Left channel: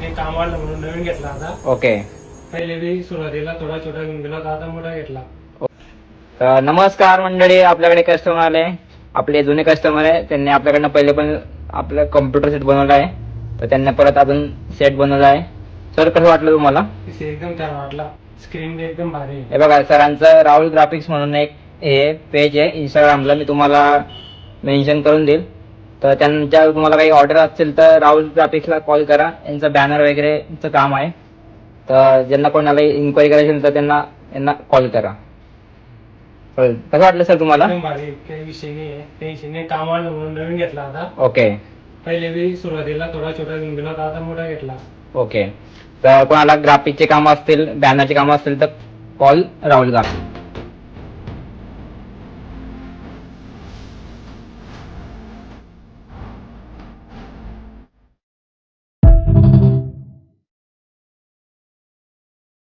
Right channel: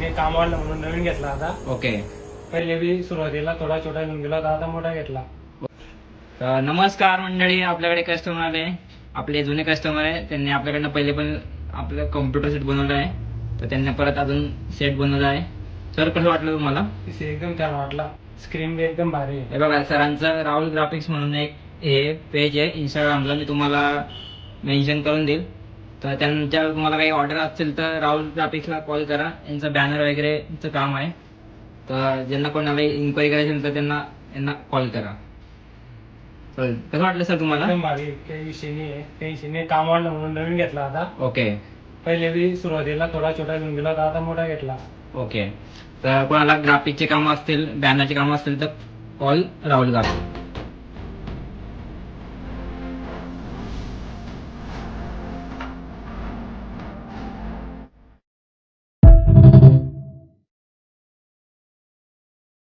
पीसीने काम वाढलं म्हणून नवीन घेतला आता. ओके. पहिले बी सुरुवातीला थोडा छोटा घेऊन गेला होता, आता मोठा घेतला. तर नमस्कार मंडळी, आपल्याकडे कस्टमर आले, आपले जुने कस्टमर आहे. त्यांनी आपल्याकडनं पहिले पण आपलं कॉम्प्युटर सेट बनवला आहे, तर त्यांनी परत अजून सेट बनवला आहे. सर कसं वाटलं तुम्हाला? पीसी एकदम छान वाटला, स्क्रीन बी एकदम भारी आहे. हे बघा, सरांचं राहुल ग्राफिक्स म्हणून एक हे पेज आहे इंस्टाग्रामला, मी तुम्हाला मेन्शन करून देईल. तर त्यांच्या तुम्हाला काही ऑर्डर असेल तर राहुल ग्राफिक्सला कॉल करा. यांचं बॅनर वगैरेचं काम आहे, तर ज्यांना कोणाला इन्क्वायरी करायची असेल तर यांना कॉल करा. कसं वाटलं सर तुम्हाला? एकदम भारी, काही विषय नाही आहे. पीसीने काम वाढलं म्हणून नवीन घेतला आता. ओके. पहिले बी सुरुवातीला थोडा छोटा घेऊन गेला होता, आता मोठा घेतला. ओके. तर कोणाला ग्राफिकचे काम असतील, बॅनरचे काम असतील तर कॉल राहुल ग्राफिक.